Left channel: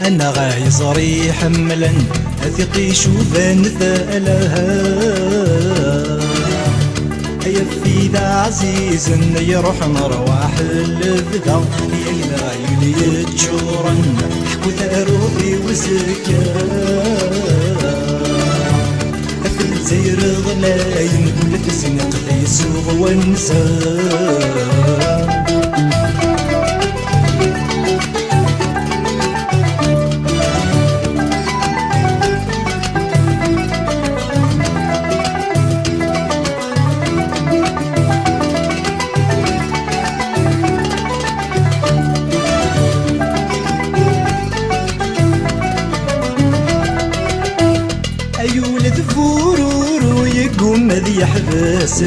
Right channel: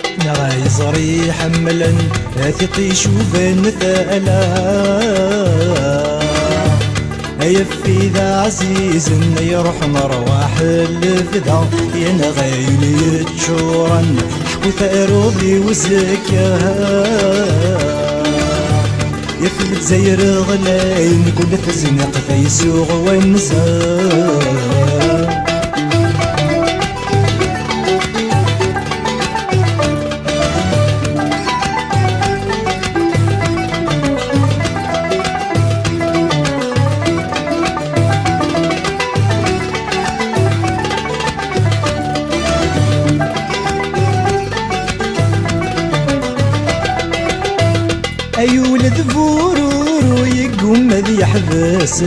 أنا غايصري حملا ثقي شوفن ثألها يفي ذا عزيز يروح مرواح الفدا ينا غايلي تشورن وثاروبي وسكا يفل زير غلاين كل تزنق يسوغ ونسا أي ولد فورور يقوم ذي يحبس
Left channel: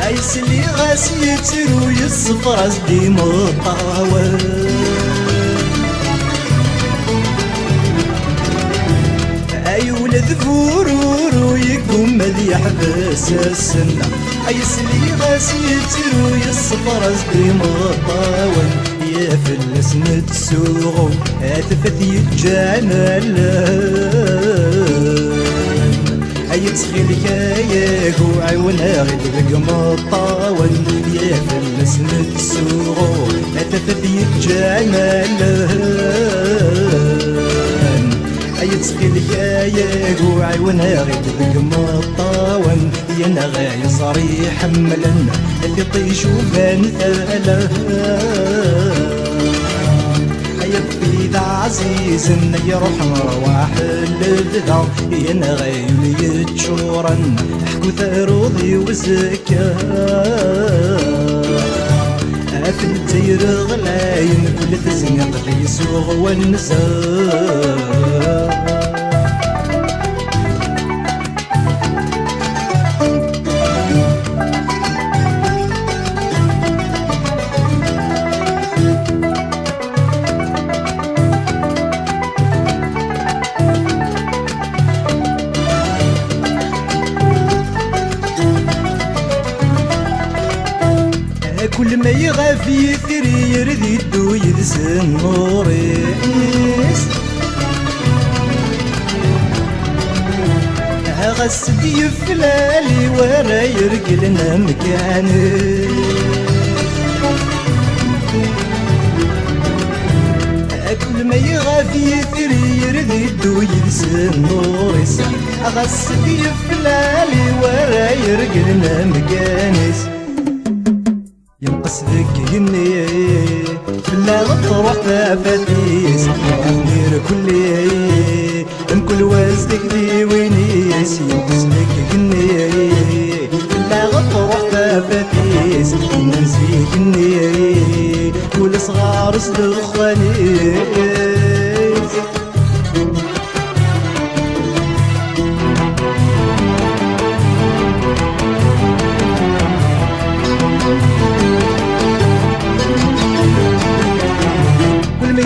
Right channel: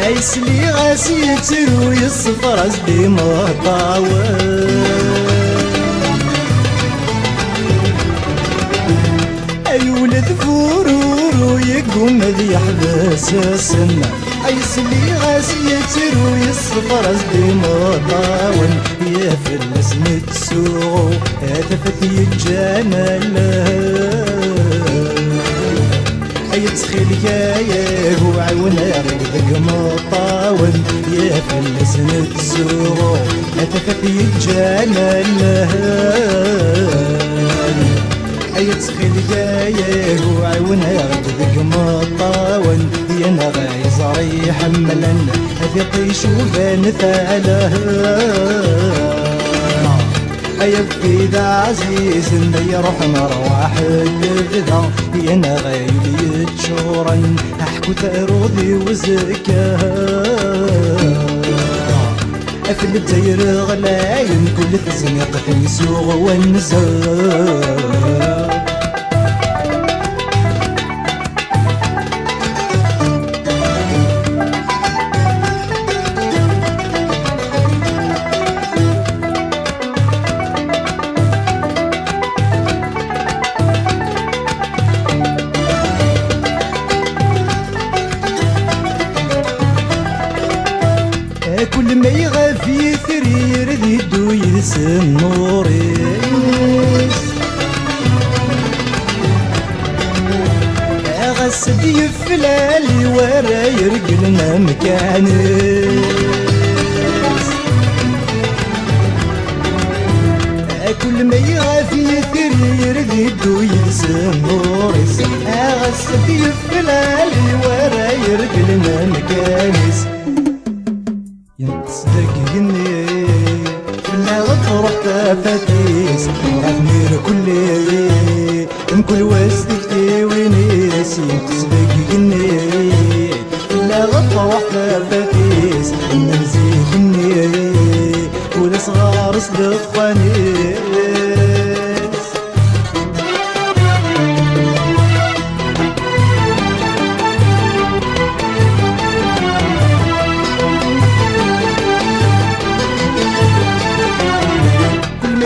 هاي سلي غاسيتر ويصفر أصدي مطاول أي ولد فورور يقوم ذي يحبس هاي سلي غاسيتر ويصفر أصدي مطاول يفلس نتسوق هتفثي الجمال أي تسخيلك يا هو عيونا غيرك مطاول يفلس نتسوق هتفثي الجمال أي تسخيلك يا هو عيونا غيرك مطاول ينا غاي صري حملا اللي طيشو بان ثاله يبقي ذا عزيز يروح مروح الفدا ينا غايلي تشورن احكو ثاروضي وزكا في الدير غلاين كل تزنق في يسوغ والنزار كل ما يغاف يثرير ذي الدو ينسى النوريس غسد يفلالي ورا يرقلنا مكاني كل ما يغاف يثرير ذي الدو ينسى النوريس غسد يفلالي ورا يرقلنا مكاني ينقصدك هني لا غطرح تفتيس وغني لكلي من كل وزدك لي وينيس ينقصدك هني لا غطرح تفتيس نرزيك هني كل صغار صدق خوانيس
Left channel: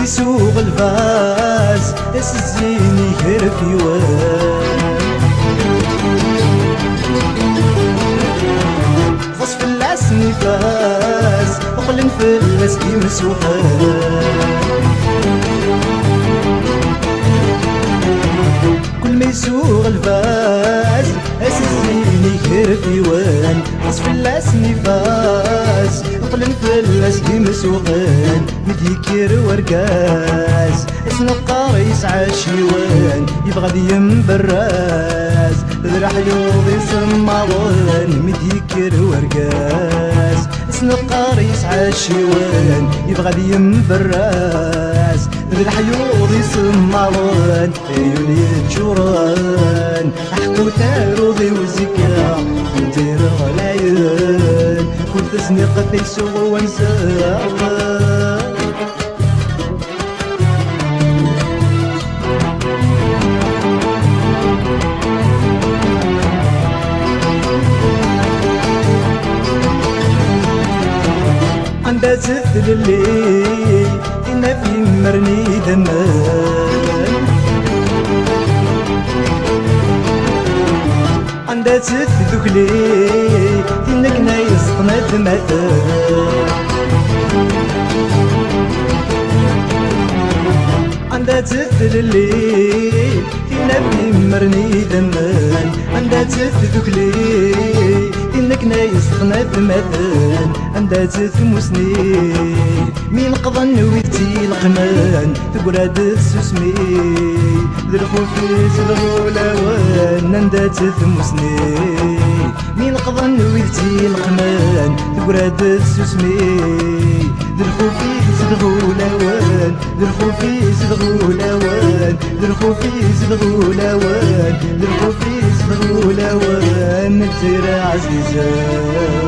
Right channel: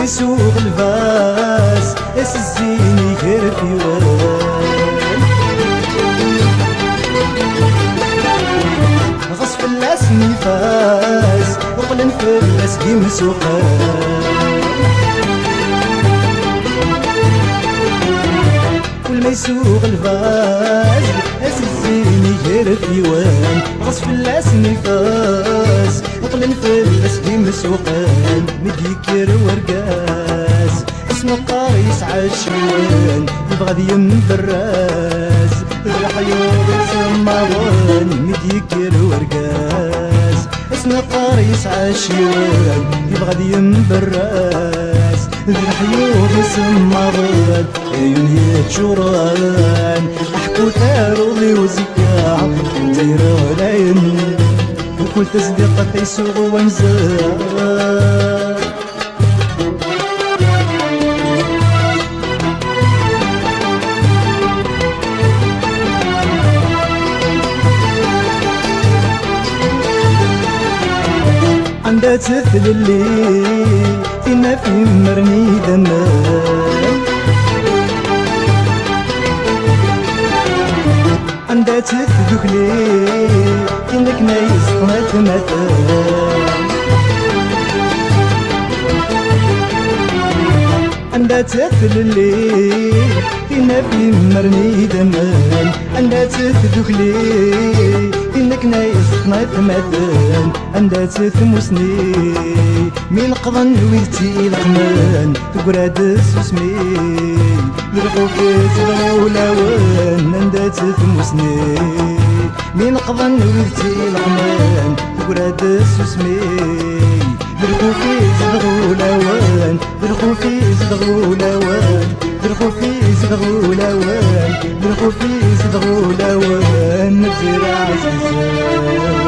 يسوق الفاس الزيني يهرب غصف العسني فاس وغلن في الاسكي مسوحان كل يسوق الفاس الزيني يهرب غصف العسني فاس وغلن في الاسكي مسوحان مديكير ورقاز اسم القاريس عاشوان يبغى ينفراز راح يوم معوان مديكير ورقاز اسم القاريس عاشوان يبغى ينفراز راح يوم معوان عيوني تشوران احكو ثاروضي وزكا ودير العين كل تزنيق في سوق ونزار عندها تثل اللي فينا في مرني دمار عندها تثل اللي فينا كنا يصنع دمار عندها تثر الليل تنبني مرني دمان عندها تثكلي إنك نايس مثلا عندها تثمسني مين قضن ويتي القمان تقراد السسمي للخوفي تبغولا وان عندها تثمسني مين قضن ويتي القمان تقراد السسمي للخوفي تبغولا وان للخوفي تبغولا وان للخوفي تبغولا وان للخوفي تبغولا وان نترى عزيزة